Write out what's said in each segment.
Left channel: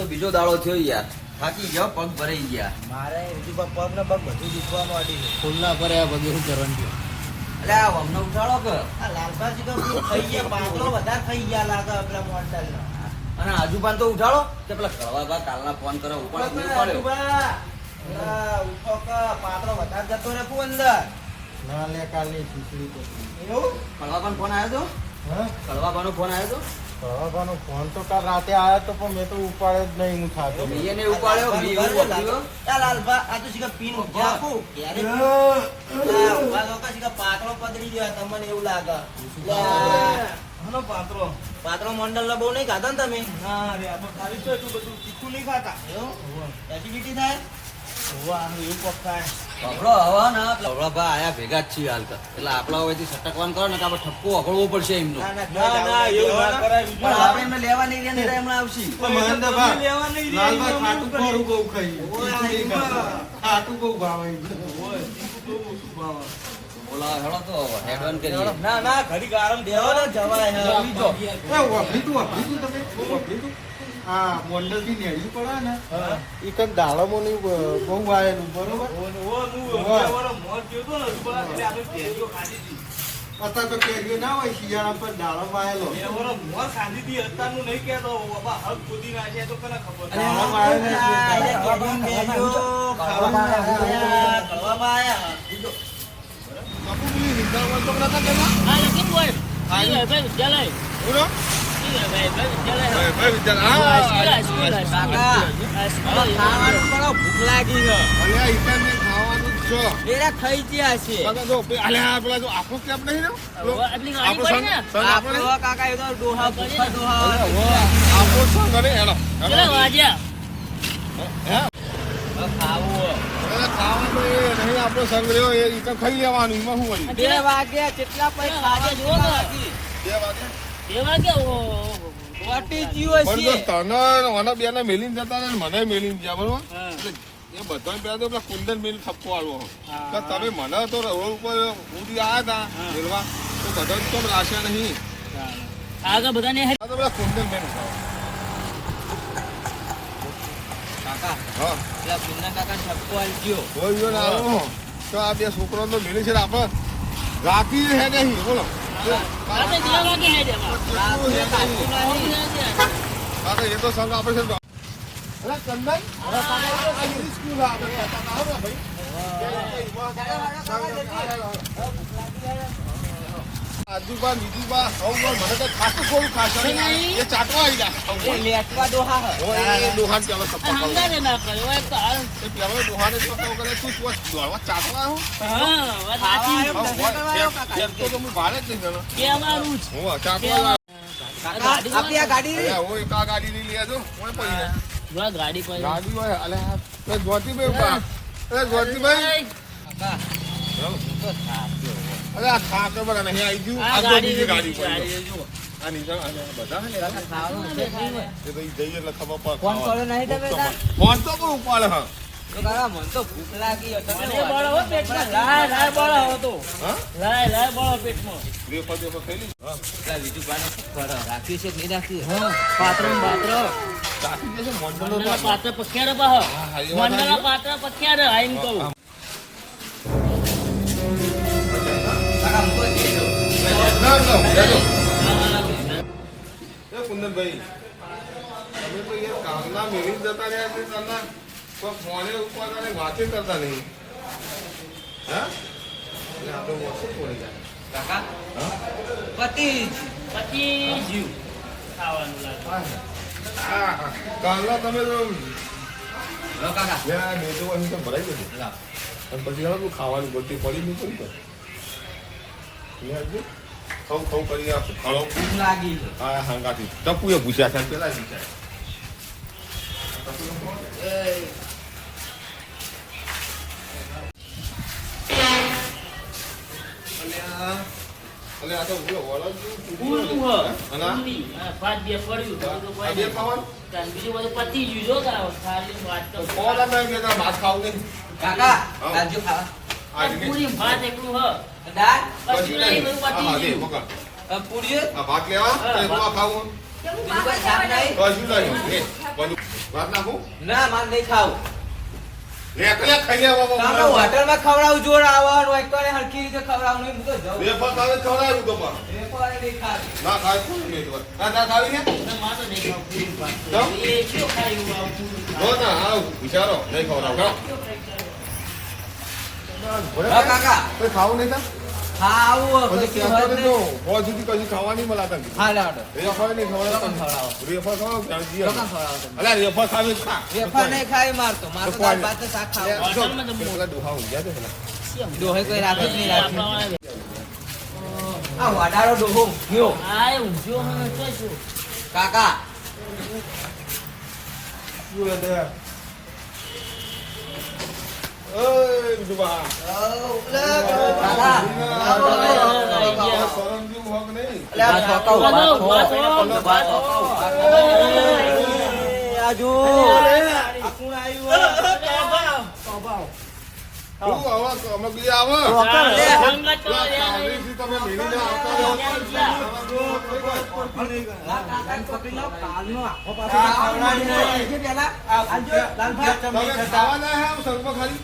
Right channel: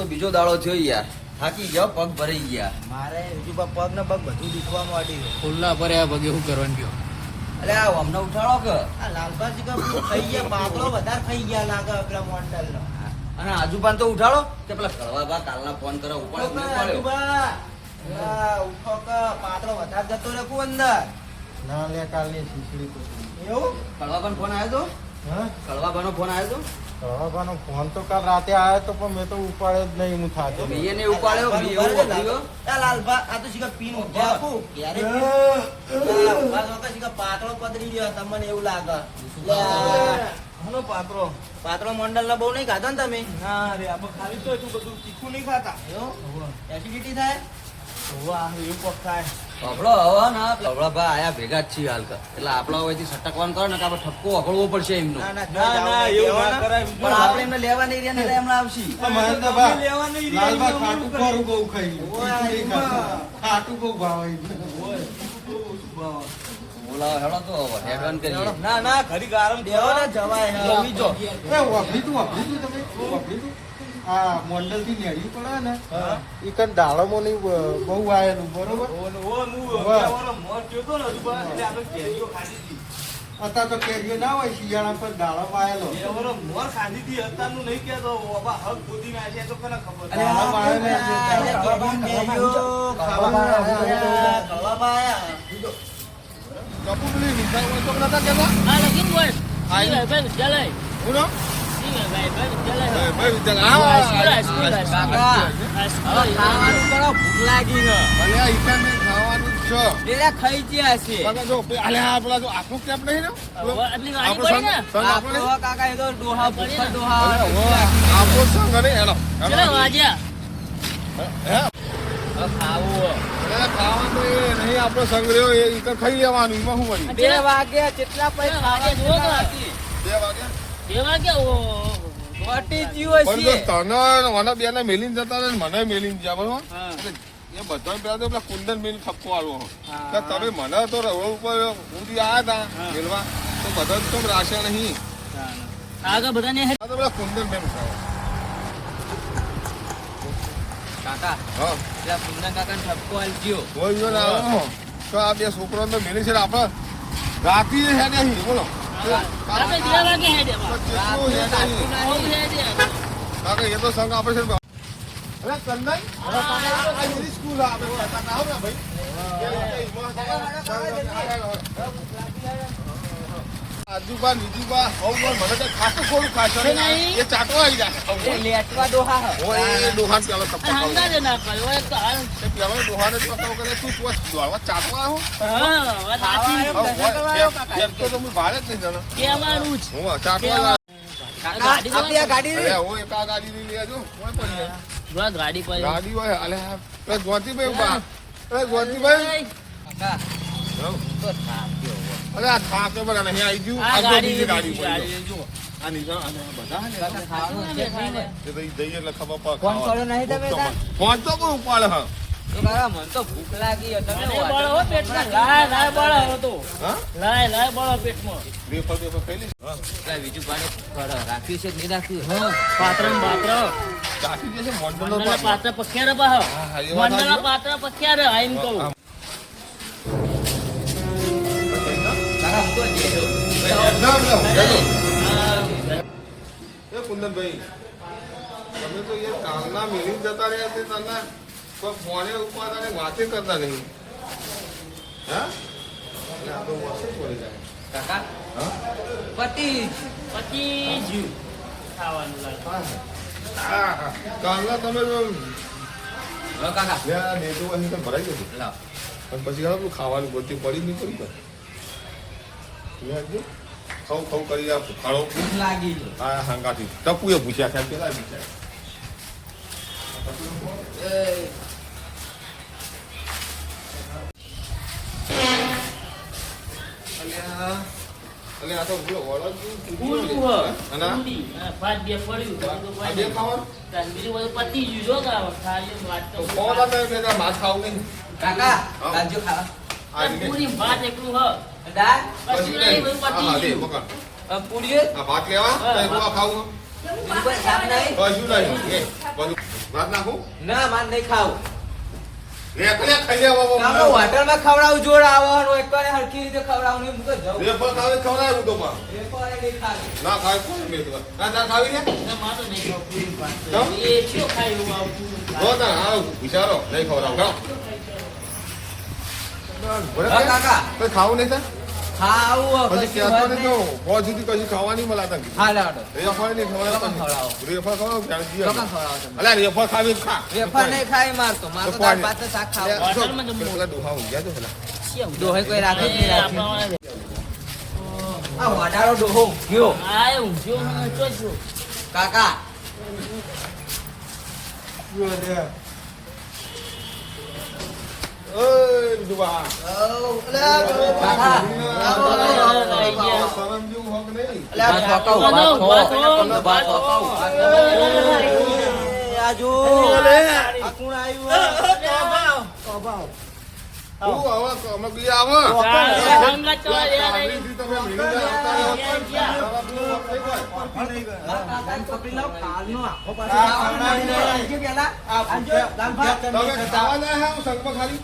તો બીજો દાડો થયો યાર. થાકી ગયો પગ ભરાઈ ગયા. મારે બીજું પગ પગ ને પગ બધું દુખવા માંડ્યું છે. ખુલ્લા ભર્યા પગે શું કરવાનું કયો અરે આ અમને ઉઠાડો કે? આ લાલભાજી તો થઈ ગયા પાતળો વધારે થઈ ગયા લાગે પેલા મોડલ નો અને આજુબાન તો ઉઠાડો કે પેલા કડવા બા કાલના ફોન કરો ઉપર ઉઠો કે પાતળો વધારે જતો રાખું અંદર. ના લે કાલની ખીચડી એવું? કડવા ફોન આવ્યો તો? હા? કડવા નો ફોન આવ્યો કળવાનો ફોન તો કાલ રાતે આવ્યો તો પણ મેં તો ઉપાડ્યો જ નહીં હું થાતો તો મેં એને ઉપાડ્યો. મેં એવું બોલ્યું. આ આ તો શીખા પીન જાકુ ક્યારે? આ ઊભા તો કે શીખા પાતળો પતરી ગયો તમને એવું લાગે. આ હનો પાતળો. પાતળો મંડળ નો બહુ નહીં ખાતા ને તમે? હા રે આપણે ખાલી તો એટલું બધું તીખું નહીં ખાતા. એવું? એસિડિટી થાય? હોવા એવું પગ થાય. આપણો હવા ને કડવા બા આયા ભેગા જ છીએ હાલ. એટલે આપણા હવેથી સટકવાનું કરો ને કે આપણે ઠપકો અકળવો પડશે એમનો. ના ના ના ના એવું ના કરાય પણ આપણે એમને લેવા નહીં રહ્યા ને એમણે આવશે. મહેન્દ્રભાઈ, લેવા નહીં રહ્યા, લાલભાઈ ખાટું ખોરું બહુ ખાઈ. ખાટું ભાવે. હેડો તો હેડવાન કરીએ ના ના ઘડીક આરામ દેવો ને જવાય આવી જો. એ વાપરી તું વાપરી તું તમે વાપરી તું આ મોન્ડલથી નેડી પડે ને ઈ કન ડાળમો ની બહુ આવેલું બરોબર ઓ, ઓ, હું વાહ. બે વાર મોર થયો તો ને હજુ બા, એટલે આપણે કેરીઓ ખાધી હતી. અત્યારે તો કેરીઓ ના હોય શિયાળા પર ડાળમ આવેલો બે વાર મોર ખાધી હતી, અત્યારનું નહીં કહેતો. બાબા, હગ ખોદી નાખ્યા તો કોને ખબર? આવે ને ખાવામાં આવ્યા, આપણો નહીં ને પેલો આટલી ગાડી આપણો પડી ને? સંગ- સંગ આપણો આપણો કાકા એ તો ડોહા પડી ભૂખા ને. ડોહા અલે હો ખાવાનું એ નહીં આપણો સંગ એ ઈકન ખાઈ લેવાનું એમાં શું વળી બે વાગ્યા કેટલા પૈસા વાજ્યા જુઓ બે વાગે બે વાગ્યા? ઓ, ઓ, ઓ, ઓ. વાટી જીવો પણ જો તને મને બે ને મેલીને જતા ને મને મેલીને ગયા બરોબર? એ બધા પેલા તો પેલા કુંદન મેલ ઠપકો આવ્યો તમે મને તો રોડ ઉપર ઉડી આવ્યા હતા તો બધા રાખ્યા નહીં. આગળ બધાને પેલા કુંદન બેન ખાવા. કાકા. હા. પેલા કુંદન કાકા ઠપકો આલજો કોઈ ના આવે. તો આ બે છોકરો તો મેલી છે ને આપણે રાતી હે નહીં બોલો. કાકા એ તો સંગ છે અરે આ સ્કૂલ આપણે ના ભાઈ. આજુબા બીજુબા હવ મને તો ખાતું થોડું ખાશે એ ચાટવા આવી જાય. એ લેટવા. ઓય એ પેલા સપ્પા ના એક તો પેલા તો કરે તું તું દોડવા ચાટવા હું હા, વાત સાચી. ફેર તો હું ભાડે જ નહીં જાણો. બે અમારું જ. હું ચાટવા ગાડી આપી આ ગાડી અરે રી. એક આ ગાડી લેજો કોઈ પડી જાય. જો ગાડી પર ગાડી હોય અલે એ જ્યોતિભાઈ ઊભા. એ કાકા તો. અરે આ થાક તો નહીં આવી ગયું. આ આ તો બીજી ગાડી પડી જુઓ. આ નીચે અને બધા કાકા ખાવાનું છે નહીં ને. એ તો ઈ જઈએ એટલે ખબર પડે ફોન ખાવાનું. કર્યો નહીં તમે તાર? ફોન તો બહુ ઉપાડે હા. તો કાકા મને તો ભૂખ લાગી તમે મને વાત બળો હો પેટમાં. લાય લાય બળો હો તો. હા? લાય લાય કુંદનભાઈ તમે તો યાર કામના મેલી જતા રહ્યા છે તને કોઈ ફોને ઉપાડતા નહીં વાતે કરતા નહીં. હા? અને આ તો વર્ષ પડી જાય. કાકા? હા? પતિ પછી જીવ. ખાવાનું લાગે. હા, હા. કાલના તમે તો લો કાકા. અહીં તો ભરાઈ ગયું પણ પછી તું ખાવાની ગોતી પડી નહીં પડી. આવજો. ખવ ખવ કરી આ ખાડો ભૂખ લાગી છે. આ હાંગાથી ટપુએ છે પેલા અને આ તો વળો અને ભાત બે પડ્યું તો કોઈ બે ખાવાનું? બીજું બધું પતી ગયું જો કાં ખાલી વાત તો તો કોણ હતા એમ કે ભાત ખાવું કાકા હા. ખાવા. પૂરી ભાત એકલું હ. દાળ પછી નહીં હા હા દે પકડ. પૂરીઓ આ ભાત લેવા? તો હું ખાવું? શાક નહીં? કશું નહીં ભાત નાખું? ના માર નહીં ખાવું. લે કલે ખાઈ કાકો હોટલમાં ખવડાવું જોર આવવાનું એક તો હરખી રીતે ખવડાવવાનું હું તો જાઉં. ખાવે તો તો. નહીં ખાવી. ના ખાય કોઈ નહીં તો. ના ના ખાવી ને ના, મારે નહીં ખાવું પૂરી ભાત. એ કયો ખાય આવું પૂરી ના હાલો વિચારો નહીં ખવડાવું. કાકા. કોઈ ખાવું નહીં થાય? ખાવું પછી કહેતો નહીં તો હોજ સુધી કશું ખાવા નહીં મળે તને. હા લાડો રેફર નહીં ખવડાવો. રેફર ખવડાવો, તમે. રેફર ખાવી ખા. નહીં શાક ખાવું પેલા. કોઈ રાખે જ નહીં રાખી આ વાડારો ડોહો ગયો આ એ કાકા શું. આજુ આ કોણ આવ્યું? ખાલી?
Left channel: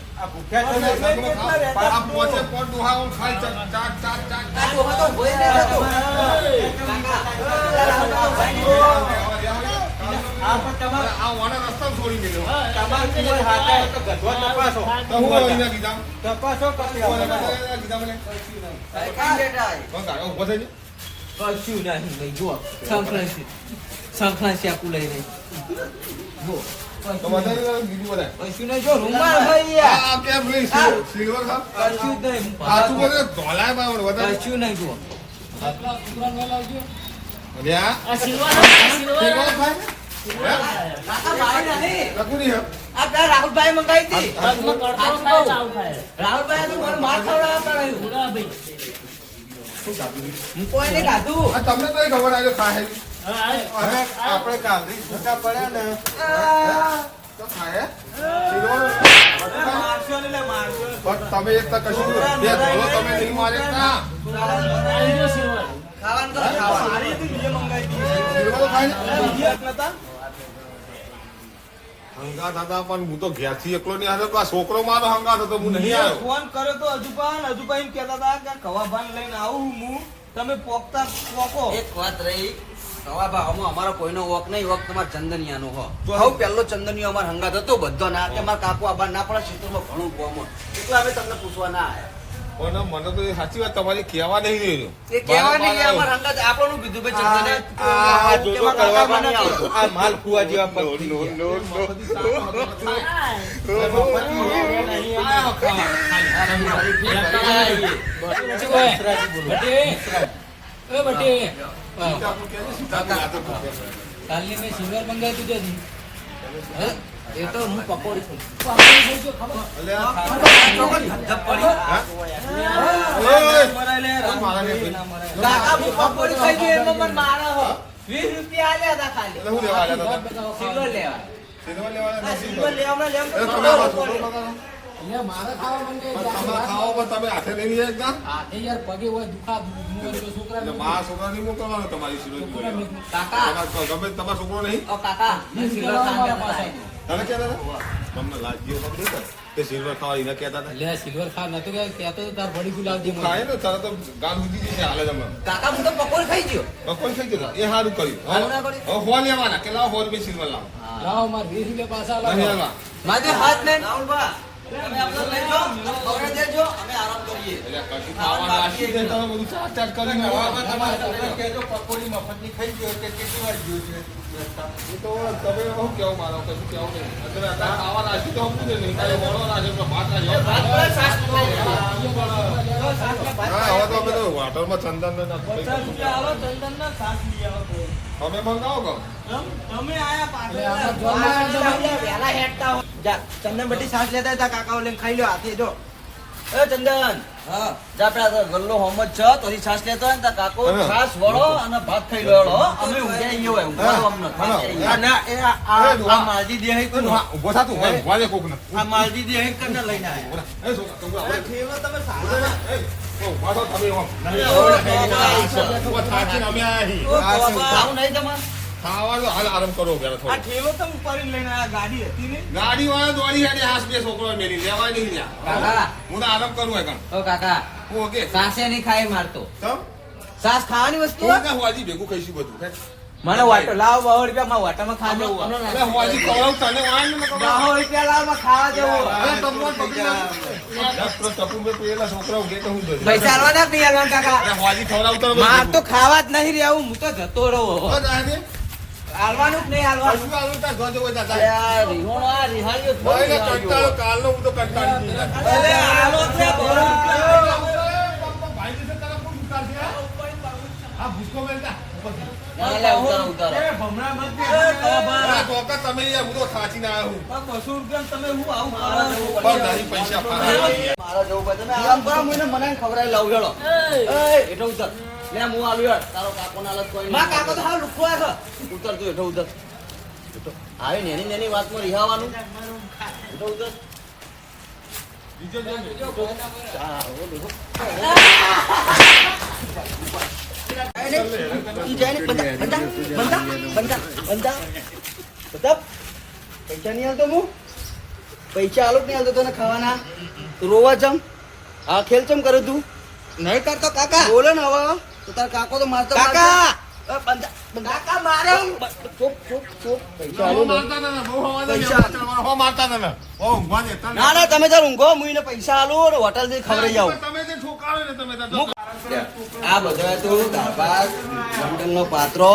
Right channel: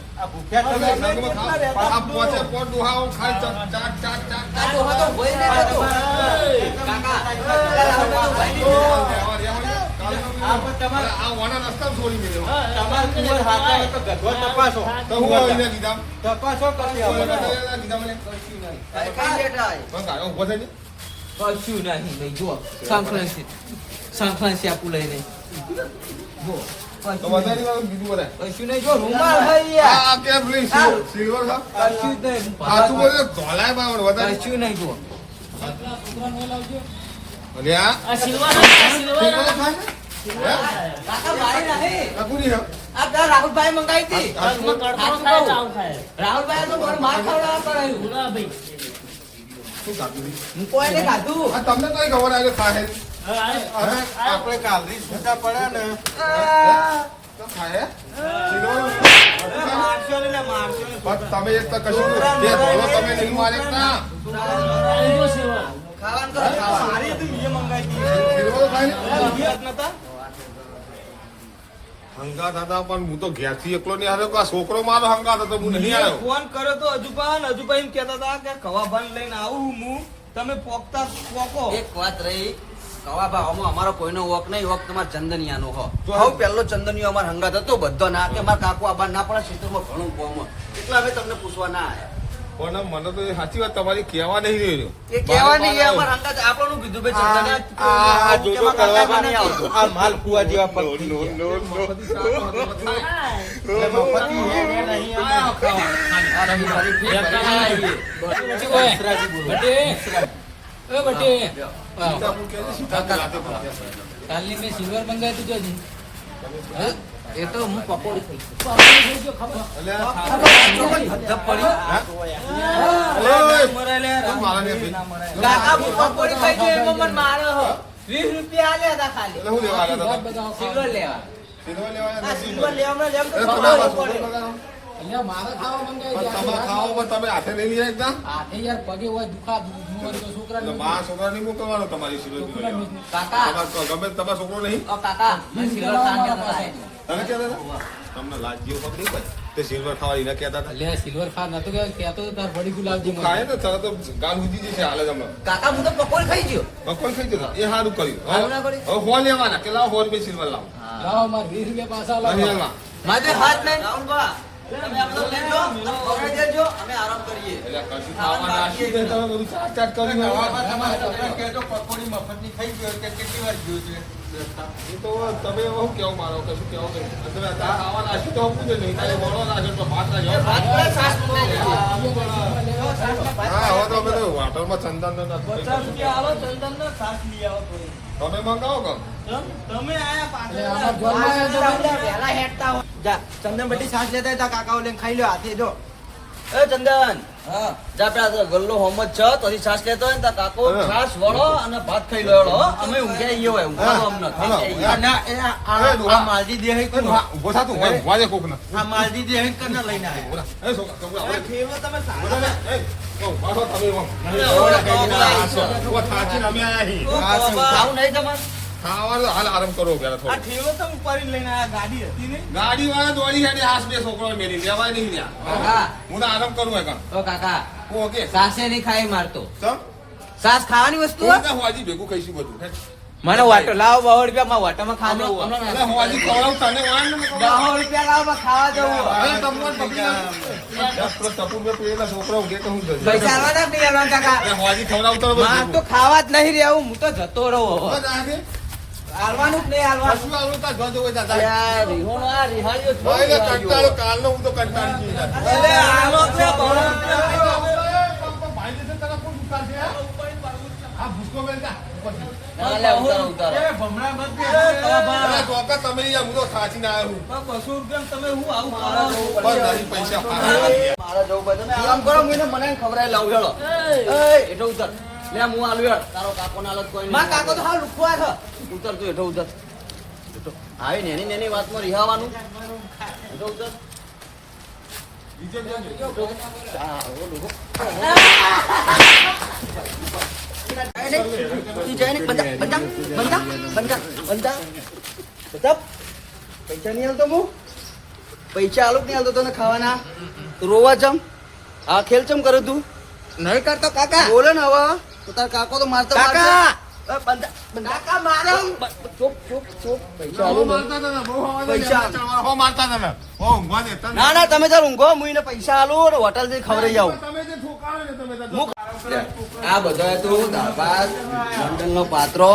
આ રસ્તા. આ ડોહા તો ભોય નહીં રહેતો. કાકા આ વાના રસ્તામાં છોડી મેલ્યો. તપાસો. તો હું અહીંયા કીધા? તપાસો કરી હું અહીંયા કીધા મને? કઈ બેઠા પણ ગાળો થઈ કશું નહીં લઈ જુઓ. સંક્રાંતિ સંક્રાંતિ આપું લઈને. જો તો વધારે બીજું બધા કશું નહીં જો રૂમાલ આ. કેમ પેલી સિલ્વર- સિલ્વર કશું નહીં આ તું બોલે ધોલાયમાં વધારે. કશું નહીં જુઓ. અને આ? સિલ્વર આ સિલ્વર. સિલ્વર ખાય રાહુલભાઈ મંગાવી હતી તો રાહુલભાઈ તો મને માર ખવડાવવા કરાયું હું કોઈ ખાધું તમને કઈ ખબર આજે ખાય આપણે કાલથી છૂટા પડ્યા ને તો ખાય તમે એક તો કશું તમે નહીં મારે તા. ખાવાનું. તો ખાવાનું સારી હતી, બીજે મંગાવી હતી. સિલ્વર ખાય ને? અરે, બીજે જ નતા? હંગાત હતા પણ હું તો ઘેરથી એકલો નહીં આવ્યો. આ છોકરો મારો હંગાત હતો હું નહીં આવ્યો. ફોન કર્યો તો હજુભાઈ ને હજુભાઈ એમ કહેતા હતા કે કવાભાન લઈને આવું હું. તમે પોકતા પોકો. એક વાત રહી. કવા ભાવમાં અમારો કોઈનો વોક નહીં. વોક તમારા ચંદનિયાનો હો. બહુ પહેલો ચંદનિયો અમારો હંગાત હતો બધો ના કે મારા કાકુ આબા ના પડે ક્ષેત્રમાં ઘણું કોમ એટલે અમે તમને પૂછવા ના આવ્યા. પણ મને તો સાચી વાત તમારી કહેવા નહીં રહ્યો એ કહેવા નહીં અમાર અમારા હંગાત આપણનું કીધું કે ચંદનિયા આ જોજો કરવામાં નહીં આવતો. આ માલ કુવા જેવા નો, પગ નો, નો, નો. કરતા મેં સિલ્વર મંગાવી તું એ તો હું પકોડી હે? કાકા હું પકોડી ખાઈ ગયો એમાં મને મારે હો વીસ રૂપિયા આલ્યા હતા ખાલી એટલે લેવા આવ્યા હતા? સિલ્વર લેવા સિલ્વર લેવા સિલ્વર જોડે લેવા. કાકા. તમારે ગમે તે તમારો છોકરો નહીં? ઓ કાકા મને સિલ્વર ખાવા તમને પડે? તે સિલ્વર એને કહેતા હતા. સિલ્વર ખા નતો કે કહેતો તાર વડી ગુલાબજી મને. ખાય ને તરત જ ગાલ ઉજી જશે હાલે તમે કાકા હું તો પકોડી ખાઈ ગયો. ગયો એ સારું કર્યું. સારું ના કર્યું? હવે ફોન લેવાના કે લાવો રૂપિયા સિલ્વર લાવો? લાવો મારે વીસ રૂપિયા પાછા લાવો. મારે હાથ નહીં રાહુલભા, તમે આપણો લઈ જાઓ, તમે ખવડાવી દેજો, અમે આરામ કરીએ. એટલે કશું ખાવા નાખી દે તમે બધું ચાટ ચાટ કરી પકોડી મફતની ખાઈ ગયો તે કેટલી વાર ગયું છે? એ તો તમે શું કેવું મારો કશું કેવું નહીં. અત્યારે અત્યારે ખાવા નાખી તો હમું જ નહીં. કાલે વળવા નાખે તો ભાત ના જાઓ. હા હવે તો અમે તો હોટલમાં ચંદન ને રૂપિયા આવો ચંદન ના સાસ લઈ આવો તમે મંગાવો કહો તમે આયા પાછળ જા ચંદન બધી સાસ લેતા હતા કાકાઓ લઈને ખાઈ લ્યો હાથે જો એ ચંદન જા પેલા તો ગલ્લો હોમ જ છે તોથી સાસ લેતો હોય ને કાકો હા. છાસ વળો અને ભાત ખાઈ લો અમે ઊંઘ્યા ઈ હોય ઊંઘવાનું અમને. ના, એ આ- આ માલજી દેહાઈ એ કોણ? ઊભો થા તું ઊભા રહે કોકને. આ માલજી દેહાઈ કને લઈને આયા? એ છોકરા, તમે સારા. એ, ઓ, ઊભા થા તમે ઓમ ના ઓલા ઊભા થાકીને અમે આયા છીએ. આવું નહીં તમારે? ખાવાનું હાલ આરામ કરો પેલા થોડો. ઠેલો તમે ઉપાડીને લઈને આયા ગાડી હતી ને? ગાડી વાળા દોડી હેડી હાસ બે છોકરો મેલી લેવાય નહીં લ્યા. હું તો આરામ કરું એકણ તો કાકા ઓકે. સાસે નહીં ખાઈ મારતો સાસ ખાવાની વસ્તુ હોજી ભેગું ખાઈશું બધું. મને વાટો લાવ બહુ રૂપિયા માં વાટામાં ખાવા જવું એટલે હોજી ખવડાવું તને બહુ રૂપિયા લાવમાં ખાવા જવું અરે તમને પકડી ટપુ બે પેલા છોકરા ઉઠે તો હું પૈસા આલવાના કે આલવાના કાકા. હોજી ખવડાવું તને બધું. માર તો ખાવા જ નહીં રહેવું હું તો જતો રહું. આલવાનું જ નહીં આલવાનું કશું તાર જોજો હોય તાર. યાર, રીહોણો આ રિહાઈઓ જ ભાઈ કંટાળો કાલનો હું તો કંટાળી ગયો અરે બહુ રૂપિયા. ભાઈ જશે તને કોણ ભૂસકો મેલતા. ઉતારો, તો છું. આ બસો રૂપિયા તમે હું આવું ખાવા? જવું પણ નહીં પૈસા પાછા. મારા જવું મને ખબર લાવું હેડો એ. ઉતર. લે હું આલું હેડ તારો કાકો ના હાલત કોઈ માં કાકો તો હા લુખો હે. ઉતર તું હેઠો ઉતર. આવી નેની નેની વાતમાં રિહાવાનું. હેઠો ઉતર. પૈસા નહીં હાલતો હું પૈસા આલો નહીં હાલતો તને ખાવાના? તું રોવા જમ. આ ખેલ ચમ કરે તું. નહીં કરતો કાકા. બોલે ને હવે. તો તાર કાકો તો મારતો કાકા! કાકા મારો! ચૂપ ચૂપ ચૂપ. ને. ને, તમે તાર ઊંઘો હું એને પૈસા આલું ને હોટલથી ખવડાવી આવું. તમે જે ઠોકાવે ને તમે તો- મુક. આ બધો તું ભાત લંડન નો પાત્રો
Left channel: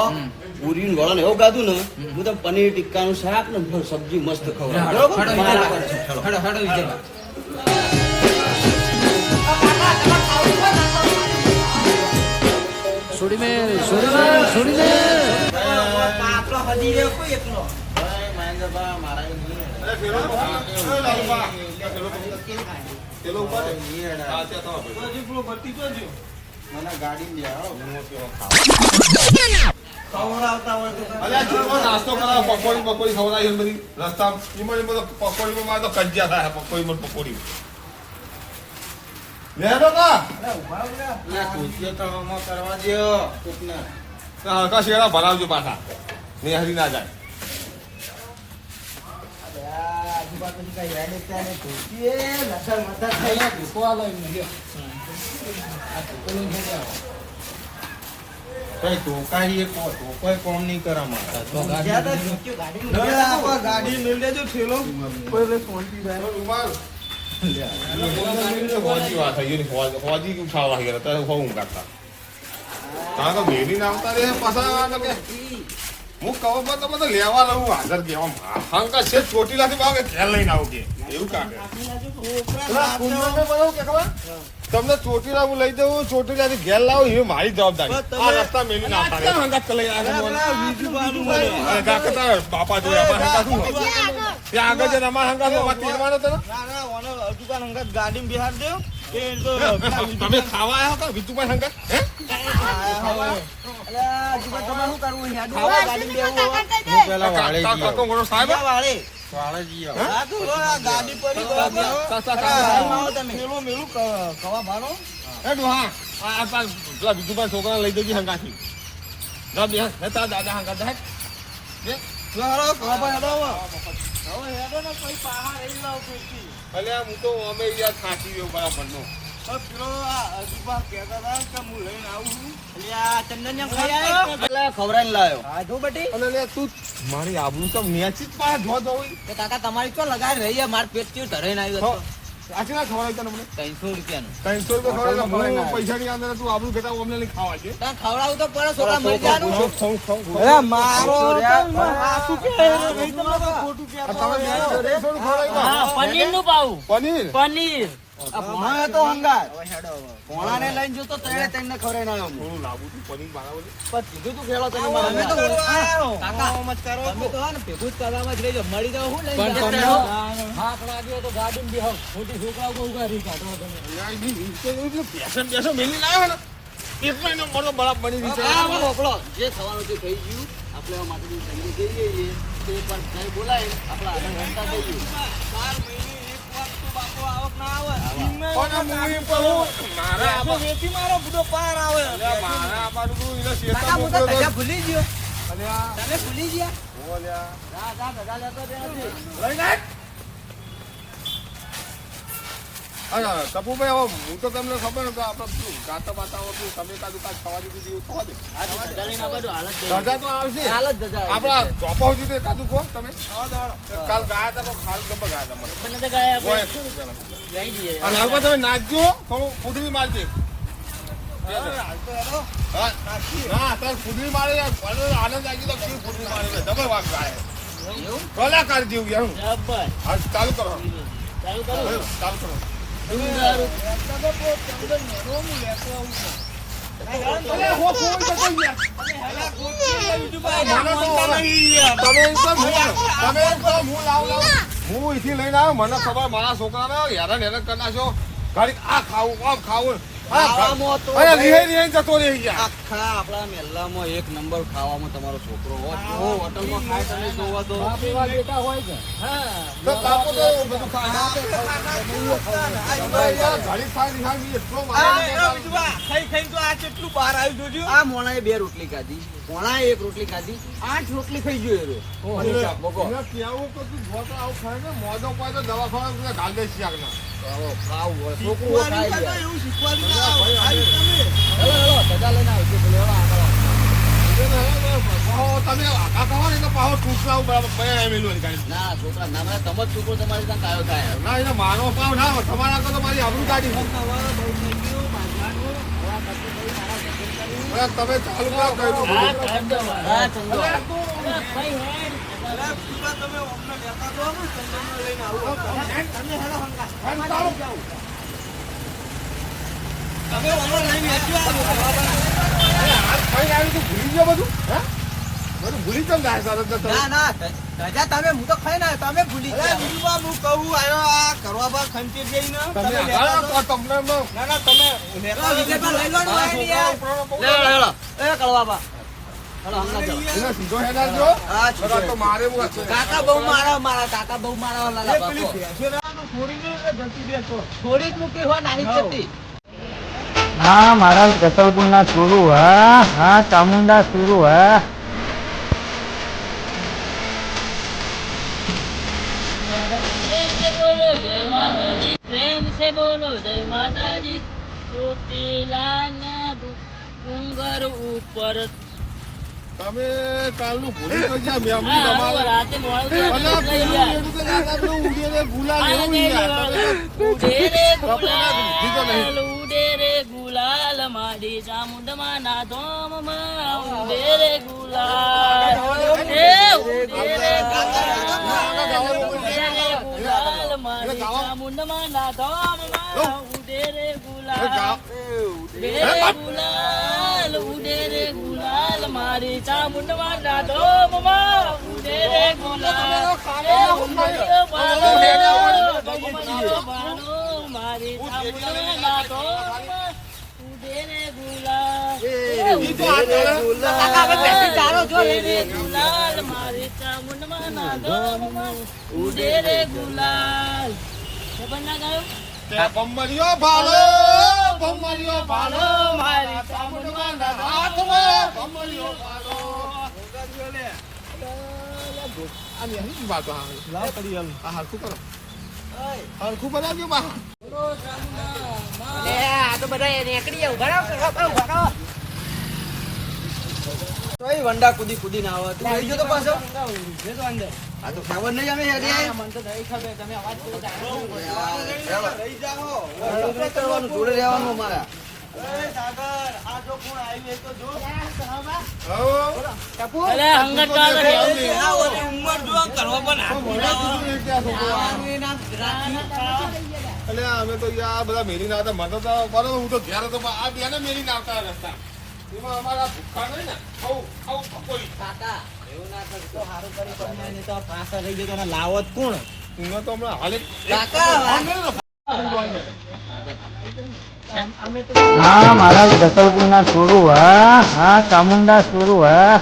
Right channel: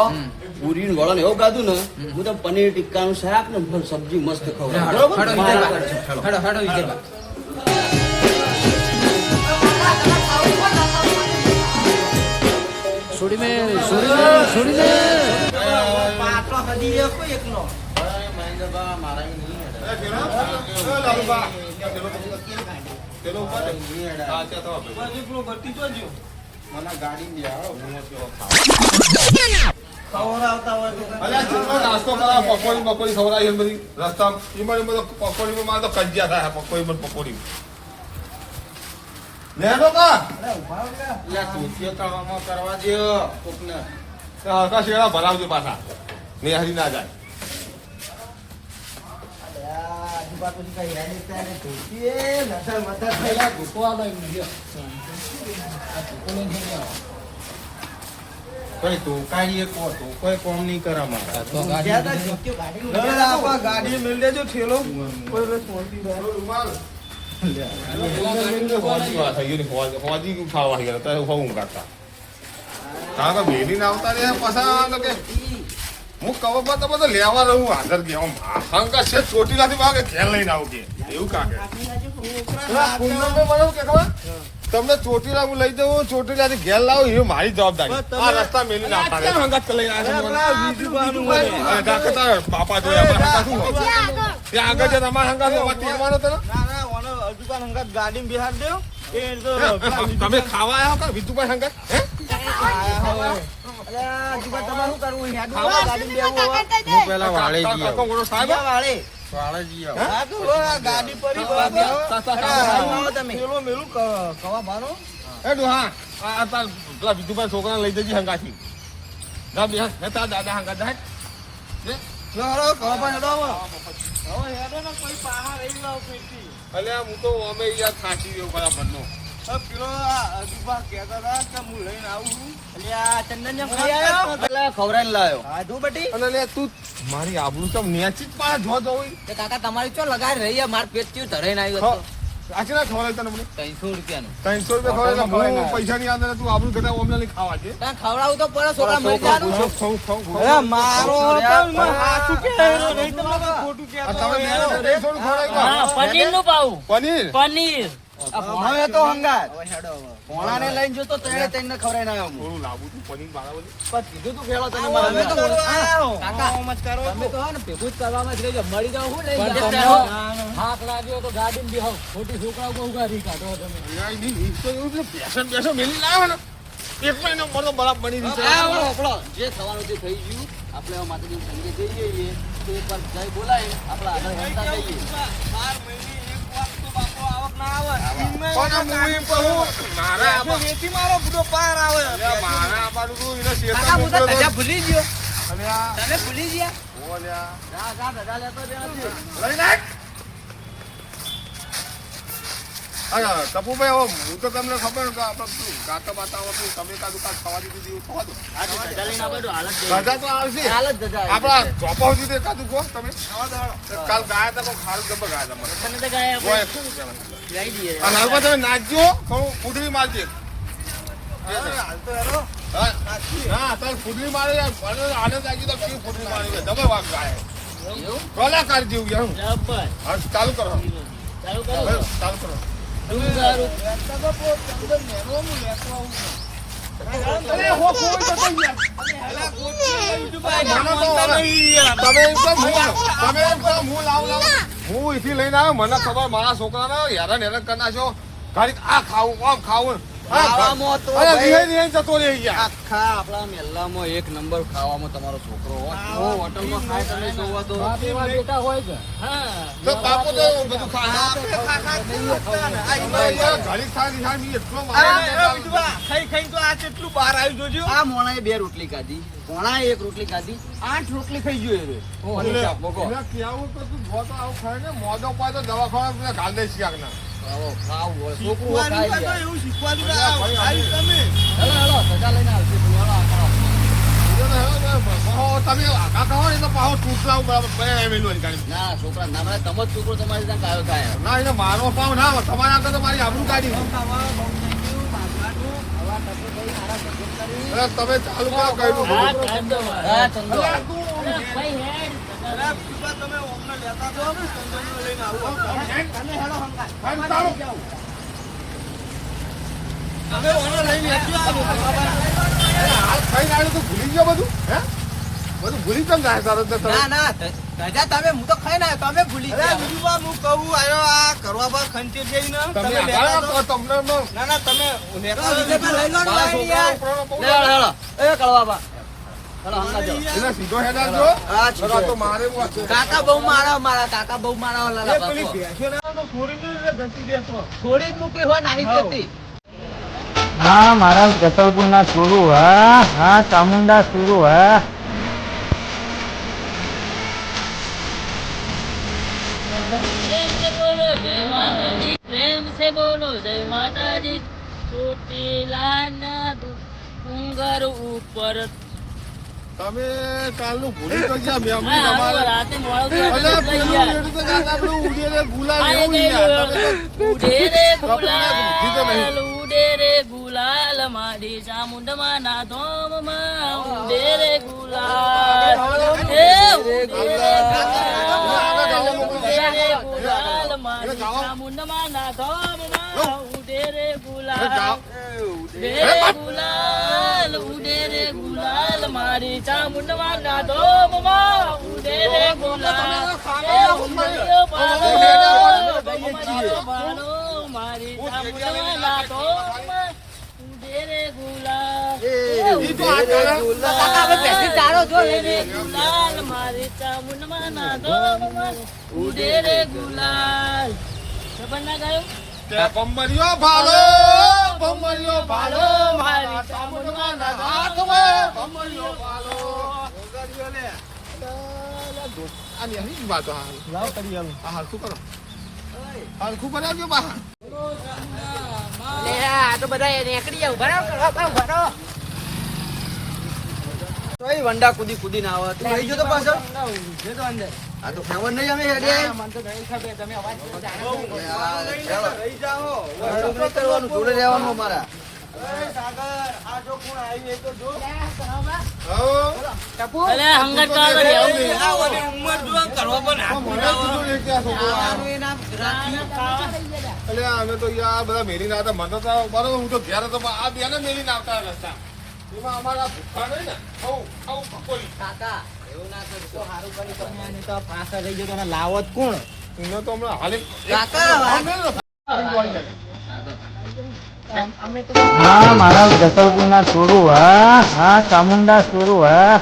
પૂરી ને વળણ એવું ગાધું ને હું તો પનીર ટિક્કાનું શાક ને સબ્જી મસ્ત ખવડાવું. બરોબર? છોડી મે છોડી મે છોડી મે પાત્રો હજી રહ્યો કોઈ એકલો પકોડી બકોડી ખવડાવી બધી રસ્તા પકોડી એમાં તો કજિયા થાય પકોડીમાં ને પકોડી લે તો. કા અરે ઊભા ઊભા લે નિહારી ના જાય. આજુબાજુ પછી કઈ યાદ એકતા ને ધોતી એ નજર મધર થઈ ધોકો આલો એમ લ્યો. આ ધોકો લઈને હેડે આવો. કઈ ટોકાઈ કો ટોકાઈ કોમ નહીં કરા તો ગાડી ગયા લેજો ધોતીઓ ગાડીમાં હવે મૂકેલા આપા ગાડી મેલ ઠેલો કોઈ વાત થઈ ગઈ ગયા કાઢતા રે પાછા હું તો બધો લેવા રહું હાજર કે આમ હંકા છે ચોટી નથી ભાગે ઘેર લઈને આવું કે એવું કાકે પેલા કુંદન ને બનાવું કે ખબર તમને ચોટીલા હું લઈ જવું ચોટીલાથી ઘેર લાવું એ મારી જવાબદારી આ રસ્તા મેલી ના પાડે હંગાત લઈ બાપા જોયા? ત્યાં આગળ જે તમારા હંગાત હોય, તેડવાનો તો હંગત ગાડી બિહાર દેવ. એ તો તમે ખાવા આવ્યા કા વિધુભાઈ હંગત? હે? પેલા વાળે જી સાહેબ વાળે. છોકરાને લઈ જજે હંગાથી દાદા હંગાત હવે. હેડો ને કોઈ પાહા રહી લાવ પેટી. અલ્યા હું તો અમે યાર થાકી ગયો બરાબર નો પેલો આ અજુબા કહેતા હતા કે હું લઈને આવું છું. ચંદન ખાઈ આવ્યો એટલે ખવડાવીને લાયો. હા જો બટી. અને લે તું મારી આબરૂ તો નેચી જ પાછા જો દો કાકા તમારી ચો લગાડી રહી માર પેટ ચીર ધરાઈને આવ્યો હતો ના ખવડાવી તને ત્રણસો રૂપિયાનું. ત્રણસો રૂપિયા ખવડાવી હું પૈસા ની અંદર તું આબરૂ ઘટા ઓમને નહીં ખાવા છે. ત્યાં ખવડાવું તો પડે છોકરા મરી જવાનું. મારો કે નહીં ખોટું તમે નું પાવું. પનીર? પનીર. તો હંગાત. લઈને જતો તેને તેને ખવડાવીને આવ્યો હું. લાવું તું પનીર બાળા પણ કીધું તું ખેલો તને તો કાકા, જ કરો. તમે તો હા ને ભેગું જ કરવામાં જ રહેજો. મળી જાવ હું લઈ પણ તમને હાથ લાગ્યો તો ગાડી બેહો. ખોટી છોકરાઓ બહુ ઉગારી કાઢો તમે. બેસન બેસન મેલી લાવ્યો ને. એટલો એનો મરતો બરાબર બની રહી છે. જે થવાનું તે થઈ ગયું. આપણે હવે માતાજી સંગે જઈએ તો એક વાર જય બોલાય. આપણે આગળ હેડતા જઈએ. બાર મહિને ભૂલી ગયો. ભૂલી ગયા? હા ટપુભાઈ હવે હું તો તમને ખબર કે આપણે શું ગાતા બાતા આવતું તમે કાદુ કાદ થવા દીધું એવું થવા દો. ધજા તો આવશે. આપણા. ચોપા સુધી એકાદું કહો તમે. કાલ ગાયા હતા કોઈ ખારું ગબ્બર ગાયા હતા મને. અને હાલમાં તમે નાચજો થોડું ફૂટવી મારજે. હાલ તો હેરો. હા. ના તાર મારે આનંદ આવી તો કેવી ફૂટવી મારી? છે વાગ ગાય. એવું? કલાકાર જેવું યાર ચાલુ કરો. ચાલુ કરો. ચાલુ કરો. અરે હો અહીંથી લઈને આવ્યો મને ખબર મારા છોકરાને હેરાન હેરાન કરી નાખ્યો ઘડીક આ ખાવું આમ ખાવું જતો રહ્યો યાર. આખા આપણા મહેલામાં એક નંબર ખાવામાં તમારો છોકરો હોય હોટલમાં ખાય તમે જોવો તો બાપ એવા બેટા હોય છે. તો બાપુ તો બધું ખાય. ઘડીક ખાય રિહાઈ બી એટલો મારે ખાઈ ખાઈ તો આ મોણા બહાર આવ્યું જોજો. આ મોણાએ બે રોટલી ખાધી. મોણાએ એક રોટલી ખાધી. આઠ રોટલી ખાઈ ગયો હવે. પાય તો દવાખાના ગાલ દે હોય. છોકરું એવું ભાઈ, હેલો, હેલો, લઈને આવશે તમે વાકા કહો ને તો પાહો બરાબર પડે એમ ગાડી. ના છોકરા ના તમે છોકરો તમારી ત્યાં કાયો થાય ના એને મારો પાવ ના. તમારા આગળ તો મારી આબરૂ કાઢી તમે ચાલુ કરો બધું. ભૂલી ગયો બધું હે બધું ભૂલી કેમ જાય તારે તો તમે? ના ના તમે હું તો ખાઈ ના તમે ભૂલી ગયા હું કહું આયો આ કરવા પર ખંચેર જઈને તમે આગળ તમને ના ના તમે લેતા લઈ લો ને યાર લેવો લેવો એ કળવા બા. કાકા બહુ મારા મારા કાકા બહુ મારા થોડી જ મૂકી હોય નાની જતી હા મારા જસલપુર ના સુરુ હા હા ચામુંડા સુરુ હા. બોલો ડુંગર ઉપર. તમે કાલનું ભૂલી તો મારી ચામુંડમાં ના ધોમમાં ઉડે રે ગુલાલ ગુલાલ મારી ચામુંડમાં ના ધોમમાં ઉડે રે ગુલાલ. ગુલાલ ઉડે રે ગુલાલ મારી ચામુંડમાં ના ધોમમાં ઉડે રે ગુલાલ. મારી ચામુંડમાં ના ધોમમાં ઉડે રે ગુલાલ મારી ચામુંડમાં ના તે બંબરીઓ ભાલો બંબરીઓ ભાલો મારી ચામુંડમાં ના હાથમાં બંબરીઓ ભાલો આની આની વાતો હા હા હરખું કરો હરખું બનાવજો બા તોય વંડા કુદી કુદી ના આવે તું આવી ગયો તો પાછો આ તો ખબર નહીં અમે હેડે મને તો કરવાનું જોડે તમે અવાજ અરે હંગત કાળ કરી આવું મને કીધું ને કે આ છોકરો આવ્યો. અલ્યા, અમે તો આ બધા ના હતા મને તો બરોબર હું તો ઘેર હતો આ બેને મેલીને આવતા રસ્તા એમાં અમારા ભૂખા નહીં ને. ખાવું ખાવું પકોડી. જ કોણ? એનો તો હમણાં હાલે. કાકા હા મારા જસલપુર ના સુરુ હા હા ચામુંડા સુરુ હા.